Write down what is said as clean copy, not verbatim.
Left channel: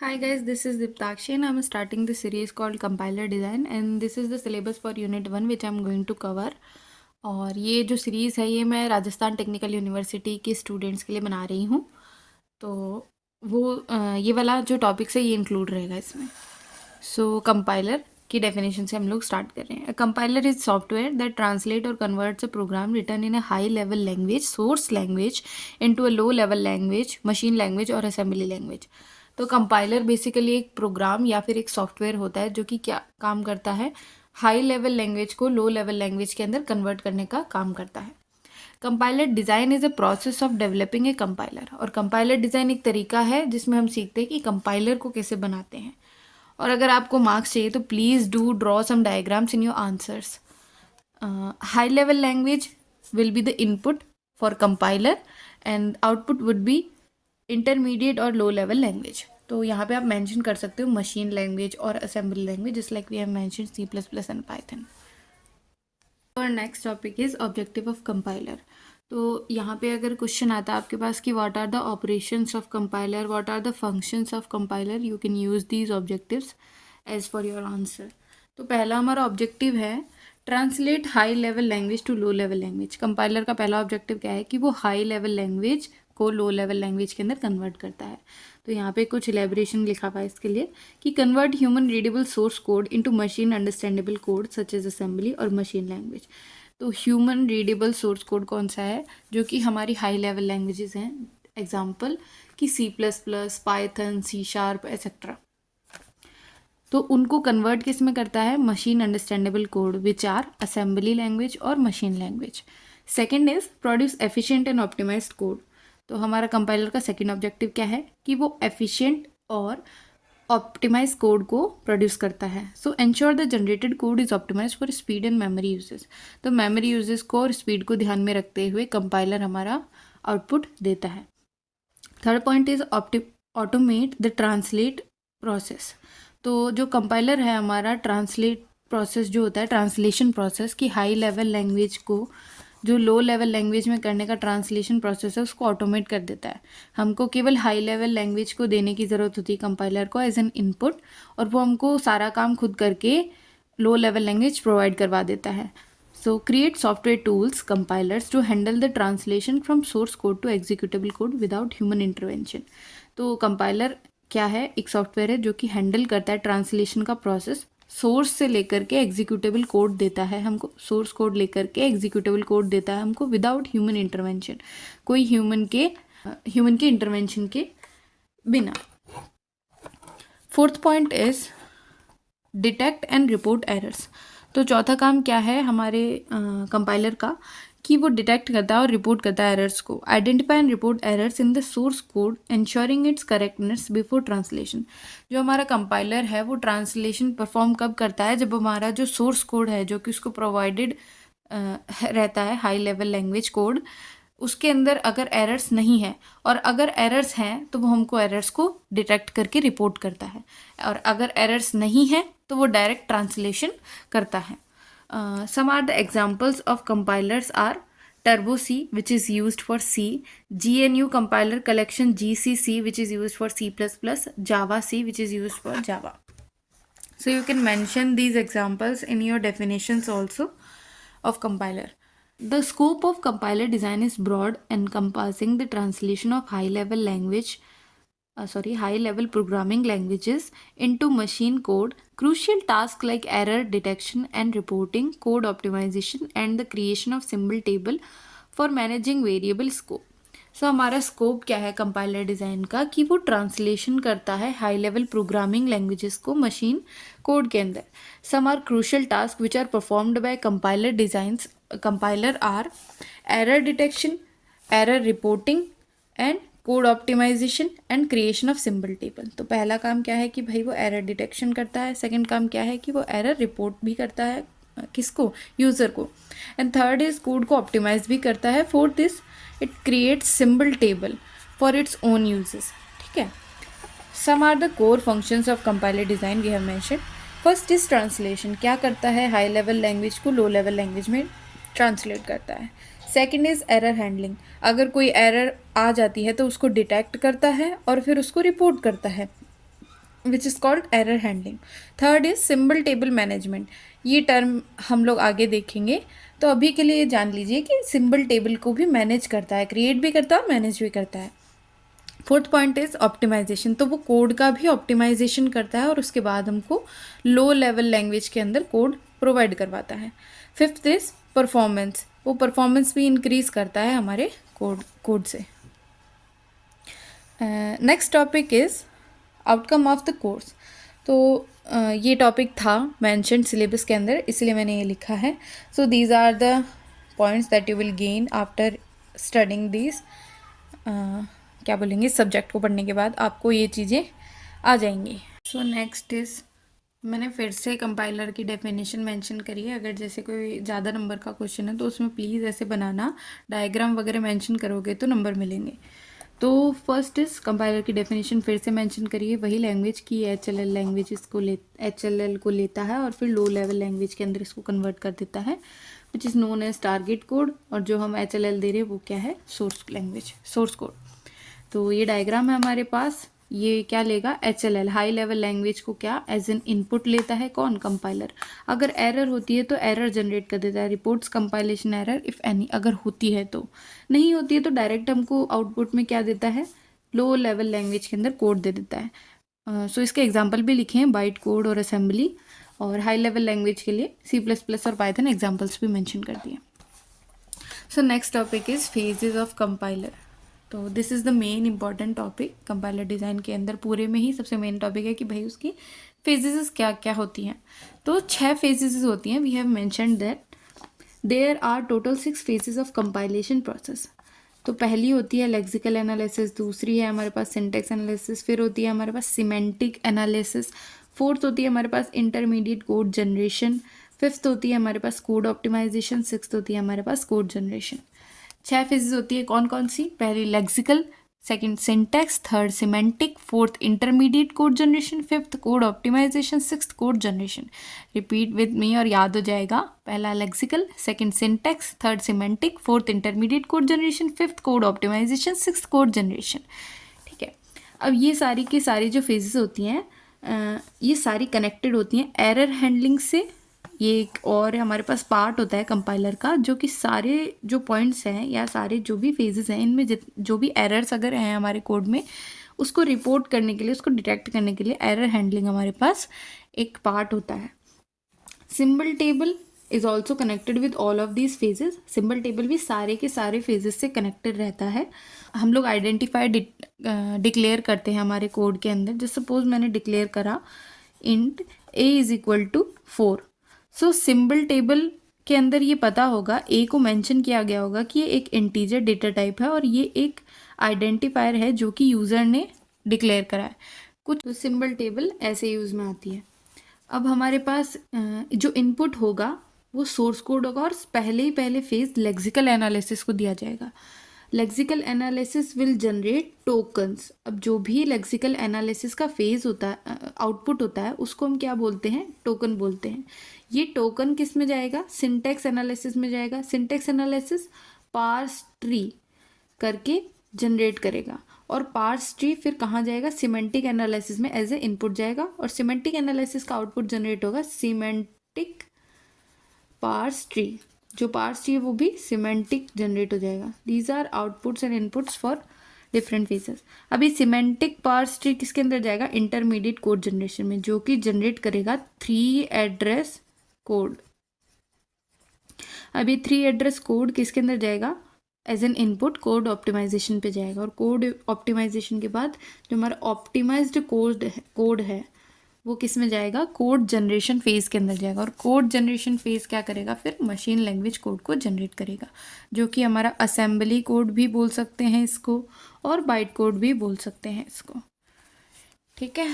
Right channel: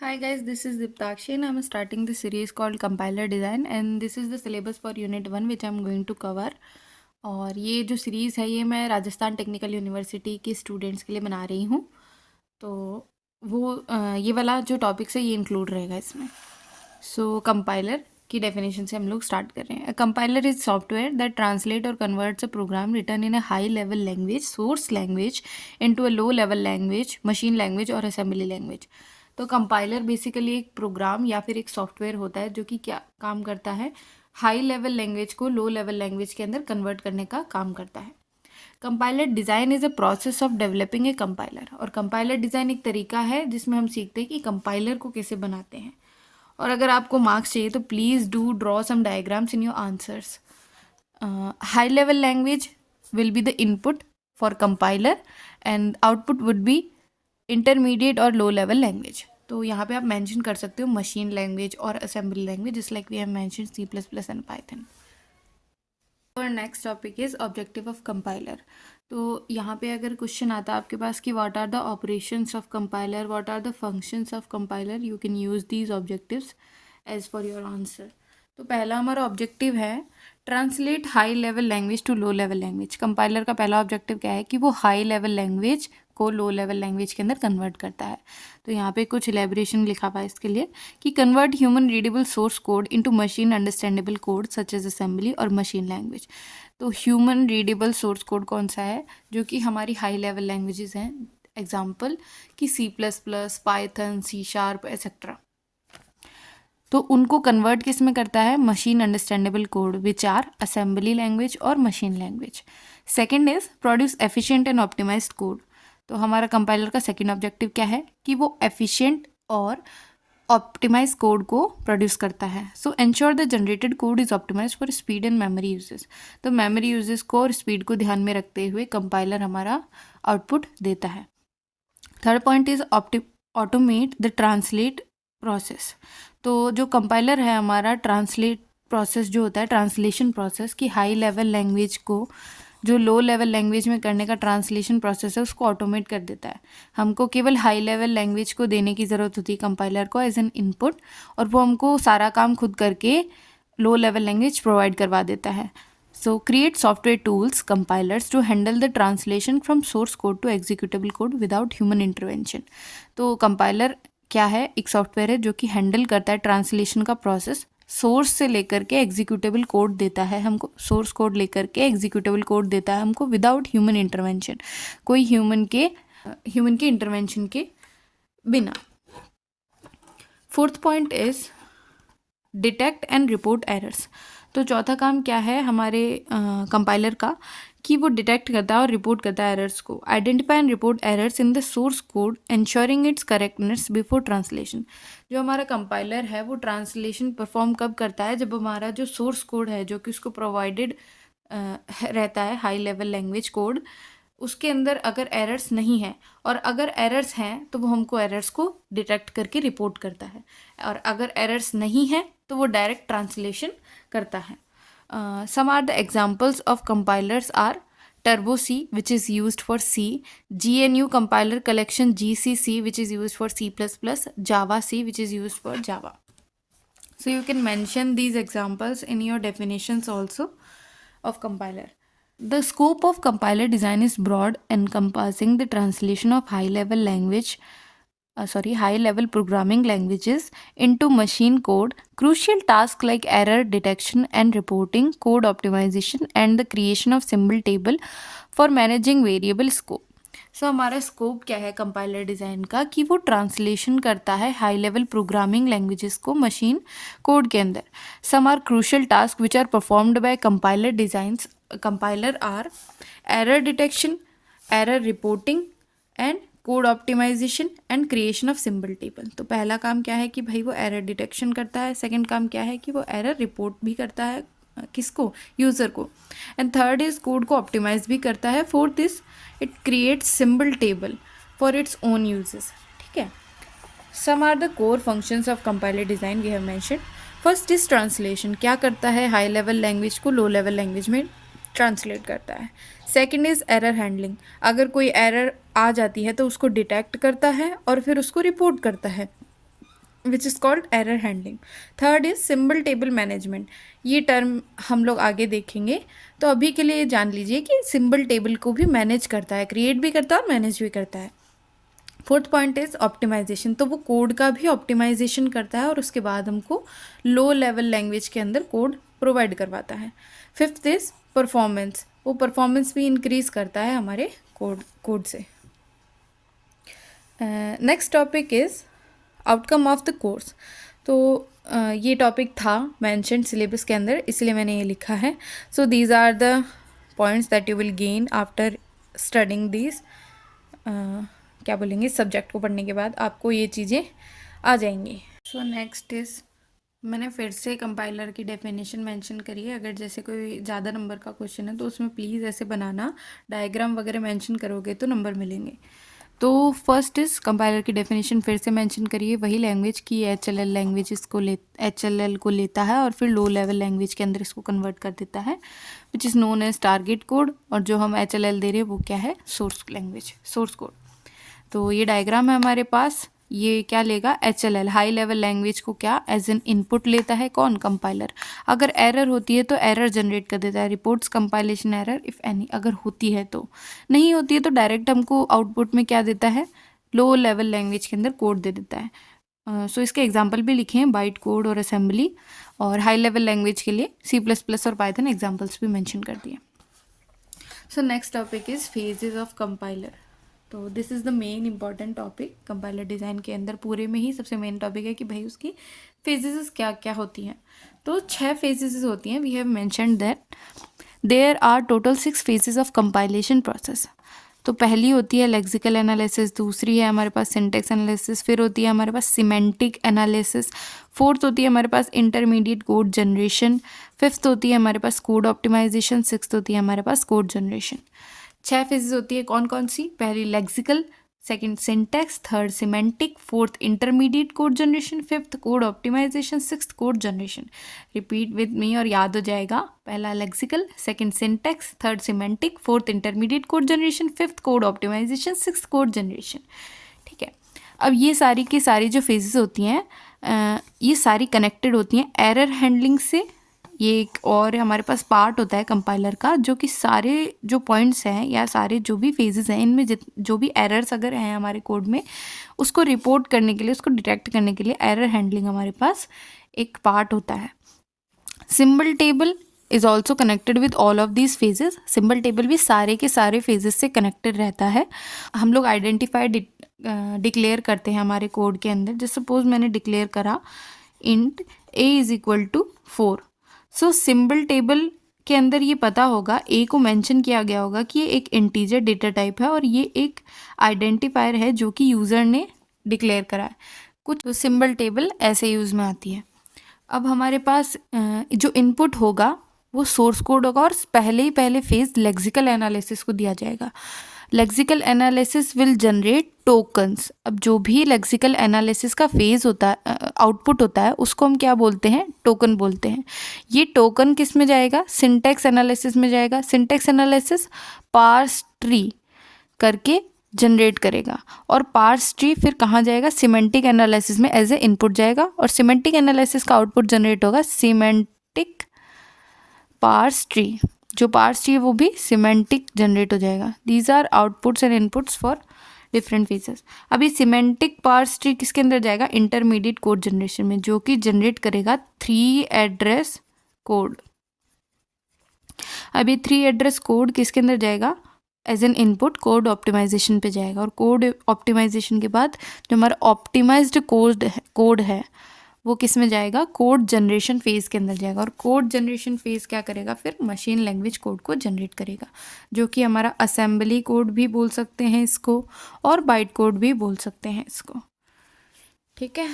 Hi guys, this is Diptakshi and I'm starting the series called Compiler Design and this is the syllabus for Unit 1 which I'm going to cover. और ये जो series है ये मैं Rajasthan technical university के students के लिए बना रही हूँ। तो ये वाला जो टॉपिक्स है ये इंक्लूड रहेगा इसमें। सो कंपाइलर की डेफिनेशन से हम लोग स्टार्ट कर रहे हैं। Compiler is software that translate or converts a program written in a high level language source language into a low level language machine language और असेंबली लैंग्वेज। तो कंपाइलर बेसिकली एक प्रोग्राम या फिर एक सॉफ्टवेयर होता है जो कि क्या काम करता है, हाई लेवल लैंग्वेज को लो लेवल लैंग्वेज के अंदर कन्वर्ट करने का काम करता है। Compiler design is a process of developing a compiler. और कंपाइलर डिज़ाइन एक तरीका है जिसमें हम सीखते हैं कि कंपाइलर को कैसे बनाते हैं। और अगर आपको मार्क्स चाहिए तो please do draw some diagrams in your answers. High level language will be the input for compiler and output would be intermediate और लो लेवल लैंग्वेज। तो यहाँ पे आप मेंशन कर सकते हो मशीन लैंग्वेज और assembly language just like we have mention C++ and python. और next topic is objective of compiler. तो यहाँ पे अगर क्वेश्चन आता है आपके पास कि what are the operations of compiler, what are the functions of compiler, you can use these objectives as for your answer. तो पहला हमारा ऑब्जेक्टिव है translate high level language to low level language. Compiler का पहला objective क्या है कि वो हाई लेवल लैंग्वेज को लो लेवल लैंग्वेज के अंदर कन्वर्ट करता है। तो यहाँ पे कुछ इलेबोरेशन लिखा हुआ है इसके लिए कि convert human readable source code into machine understandable code such as assembly or machine language. तो ह्यूमन रीडेबल सोर्स कोड कौन सा है, जो कि हमारी हाई लेवल लैंग्वेजेस हैं, एग्जाम्पल कि C++, पाइथन, C# एक्सेट्रा। तो उनको कन्वर्ट किस में करता है, machine understandable code which are assembly language or machine language. Second is produce efficient and optimized code. तो हमारा कंपाइलर का सेकेंड ऑब्जेक्टिव क्या है कि वो एफिशिएंट और ऑप्टिमाइज कोड को प्रोड्यूस करता है। So ensure the generated code is optimise for speed and memory uses. तो मेमोरी यूजेस को और स्पीड को ध्यान में रखते हुए कंपाइलर हमारा आउटपुट देता है। Third point is automate the translate process. तो जो कंपाइलर है हमारा ट्रांसलेट प्रोसेस जो होता है, ट्रांसलेशन प्रोसेस की हाई लेवल लैंग्वेज को जो लो लेवल लैंग्वेज में करने का ट्रांसलेशन प्रोसेस है उसको ऑटोमेट कर देता है। हमको केवल हाई लेवल लैंग्वेज को देने की ज़रूरत होती है कंपाइलर को एज एन इनपुट, और वो हमको सारा काम खुद करके लो लेवल लैंग्वेज प्रोवाइड करवा देता है। So create software tools compilers to handle the translation from source code to executable code without human intervention. तो कंपाइलर क्या है, एक सॉफ्टवेयर है जो कि हैंडल करता है ट्रांसलेशन का प्रोसेस, सोर्स से लेकर के एग्जीक्यूटेबल कोड देता है हमको, सोर्स कोड लेकर के एग्जीक्यूटेबल कोड देता है हमको विदाउट ह्यूमन इंटरवेंशन, कोई ह्यूमन के इंटरवेंशन के बिना। Fourth point is detect and report errors. तो चौथा काम क्या है हमारे कंपाइलर का कि वो डिटेक्ट करता है और रिपोर्ट करता है एरर्स को। Identify and report errors in the source code ensuring it's correctness before translation. जो हमारा कंपाइलर है वो ट्रांसलेशन परफॉर्म कब करता है, जब हमारा जो सोर्स कोड है जो कि उसको प्रोवाइडेड रहता है हाई लेवल लैंग्वेज कोड, उसके अंदर अगर एरर्स नहीं है, और अगर एरर्स हैं तो वो हमको एरर्स को डिटेक्ट करके रिपोर्ट करता है, और अगर एरर्स नहीं है तो वो डायरेक्ट ट्रांसलेशन करता है। Some are the examples of compilers are Turbo C which is used for C, GNU compiler collection GCC which is used for C++, Java C which is used for Java. So you can mention these examples in your definitions also of compiler. The scope of compiler design is broad, encompassing the translation of high-level programming languages into machine code. Crucial tasks like error detection and reporting, code optimization, and the creation of symbol table for managing variable scope. सो हमारा scope क्या है compiler design का कि वो translation करता है high level programming languages को machine code के अंदर। Some are crucial task which are performed by compiler designs compiler are error detection, error reporting and code optimisation and creation of symbol table. तो पहला काम क्या है कि भाई वो एरर डिटेक्शन करता है, सेकंड काम क्या है कि वो एरर रिपोर्ट भी करता है, किसको, यूज़र को, एंड थर्ड इज कोड को ऑप्टिमाइज भी करता है, fourth is it creates symbol table for its own uses. ठीक है, some are the core functions of compiler design we have mention. First is translation, क्या करता है, हाई लेवल लैंग्वेज को लो लेवल लैंग्वेज में ट्रांसलेट करता है। Second is error handling, अगर कोई एरर आ जाती है तो उसको डिटेक्ट करता है और फिर उसको रिपोर्ट करता है। Which is called error handling. Third is symbol table management. ये टर्म हम लोग आगे देखेंगे, तो अभी के लिए जान लीजिए कि सिंबल टेबल को भी मैनेज करता है, क्रिएट भी करता है और मैनेज भी करता है। फोर्थ पॉइंट इज ऑप्टिमाइजेशन, तो वो कोड का भी ऑप्टिमाइजेशन करता है और उसके बाद हमको लो लेवल लैंग्वेज के अंदर कोड प्रोवाइड करवाता है। फिफ्थ इज परफॉर्मेंस, वो परफॉर्मेंस भी इंक्रीज करता है हमारे कोड से। Next topic is outcome of the course. तो ये टॉपिक था मेंशन्ड सिलेबस के अंदर, इसलिए मैंने ये लिखा है। So these are the points that you will gain after studying this, क्या बोलेंगे, इस सब्जेक्ट को पढ़ने के बाद आपको ये चीज़ें आ जाएंगी। सो नेक्स्ट इज, मैंने फिर से कंपाइलर की डेफिनेशन मेंशन करी है। अगर जैसे कोई ज़्यादा नंबर का क्वेश्चन है तो उसमें प्लीज़ ऐसे बनाना, डायग्राम वगैरह मेंशन करोगे तो नंबर मिलेंगे। तो फर्स्ट इज कंपाइलर की डेफिनेशन फिर से मेंशन करिए, वही लैंग्वेज की HLL लैंग्वेज इसको HLL को लेता है और फिर लो लेवल लैंग्वेज के अंदर इसको कन्वर्ट कर देता है, which is known as target code. और जो हम HLL दे रहे हैं वो क्या है, सोर्स लैंग्वेज, सोर्स कोड। तो ये डायग्राम है हमारे पास, ये क्या लेगा, HLL हाई लेवल लैंग्वेज को क्या एज एन इनपुट लेता है, कौन, कंपाइलर। अगर एरर होती है तो एरर जनरेट कर देता है, reports compilation error if any, अगर होती है तो। नहीं होती है तो डायरेक्ट हमको आउटपुट में क्या देता है, लो लेवल लैंग्वेज के अंदर कोड दे देता है। सो इसके एग्जाम्पल भी लिखे हैं, बाइट कोड और असेंबली, और हाई लेवल लैंग्वेज के लिए C++ और पाइथन एग्जाम्पल्स भी मैंशन कर दिए। So next topic is phases of compiler. तो this is the main important topic compiler design के अंदर, पूरे में ही सबसे मेन टॉपिक है कि भाई उसकी फेजेस क्या क्या होती हैं। तो 6 फेजेस होती हैं। We have mentioned that there are total 6 phases of compilation process. तो पहली होती है लेक्सिकल एनालिसिस, दूसरी है हमारे पास सिंटेक्स एनालिसिस, फिर होती है हमारे पास सिमेंटिक एनालिसिस, फोर्थ होती है हमारे पास इंटरमीडिएट कोड जनरेशन, फिफ्थ होती है हमारे पास कोड ऑप्टिमाइजेशन, सिक्स्थ होती है हमारे पास कोड जनरेशन। 6 फेजेस होती है, कौन कौन सी, पहली lexical, second syntax, third semantic, fourth intermediate code generation, fifth code optimisation, sixth code generation. Repeat with me और याद हो जाएगा, पहला lexical, second syntax, third semantic, fourth intermediate code generation, fifth code optimisation, sixth code generation. ठीक है, अब ये सारी की सारी जो फेजेस होती हैं ये सारी कनेक्टेड होती हैं एरर हैंडलिंग से। ये एक और हमारे पास पार्ट होता है कंपाइलर का, जो कि सारे जो पॉइंट्स हैं या सारे जो भी फेजेस हैं इनमें जो भी एरर्स अगर हैं हमारे कोड में, उसको रिपोर्ट करने के लिए, उसको डिटेक्ट करने के लिए एरर हैंडलिंग हमारे पास एक पार्ट होता है। Symbol table is also connected with all of these phases. Symbol table भी सारे के सारे फेजेस से कनेक्टेड रहता है। हम लोग आइडेंटिफाई डिक्लेयर करते हैं हमारे कोड के अंदर। जैसे सपोज मैंने डिक्लेयर करा int a is equal to 4। So symbol table के अंदर ये पता होगा, ए को मेंशन किया गया होगा कि ये एक इंटीजर डेटा टाइप है और ये एक आइडेंटिफायर है जो कि यूज़र ने डिक्लेयर करा है। कुछ तो सिंबल टेबल ऐसे यूज़ में आती है। अब हमारे पास जो इनपुट होगा वो सोर्स कोड होगा और पहले फेज लेक्सिकल एनालिसिस को दिया जाएगा। Lexical analysis will generate tokens. अब जो भी लेक्सिकल एनालिसिस का फेज होता है, आउटपुट होता है, उसको हम क्या बोलते हैं, टोकन बोलते हैं। ये टोकन किस में जाएगा, सिंटैक्स एनालिसिस में जाएगा। सिंटैक्स एनालिसिस पार्स ट्री करके जनरेट करेगा और पार्स ट्री फिर कहाँ जाएगा, सिमेंटिक एनालिसिस में एज ए इनपुट जाएगा और सिमेंटिक एनालिसिस का आउटपुट जनरेट होगा सिमेंटिक पार्स ट्री। जो पार्स ट्री है वो भी सिमेंटिक जनरेट हो जाएगा। These are outputs and inputs for different phases. अभी सिमेंटिक पार्स ट्री किसके अंदर जाएगा, इंटरमीडिएट कोड जनरेशन में, जो कि जनरेट करेगा 3 एड्रेस कोड। अभी 3 एड्रेस कोड किसके अंदर जाएगा, as an input code optimization पे जाएगा और कोड ऑप्टिमाइजेशन के बाद जो हमारा ऑप्टिमाइज्ड कोड है वो किस में जाएगा, कोड जनरेशन फेज के अंदर जाएगा और कोड जनरेशन फेज क्या करेगा, फिर मशीन लैंग्वेज कोड को जनरेट करेगा, जो कि हमारा असेंबली कोड भी बोल सकते हैं इसको और बाइट कोड भी बोल सकते हैं इसको। ठीक है,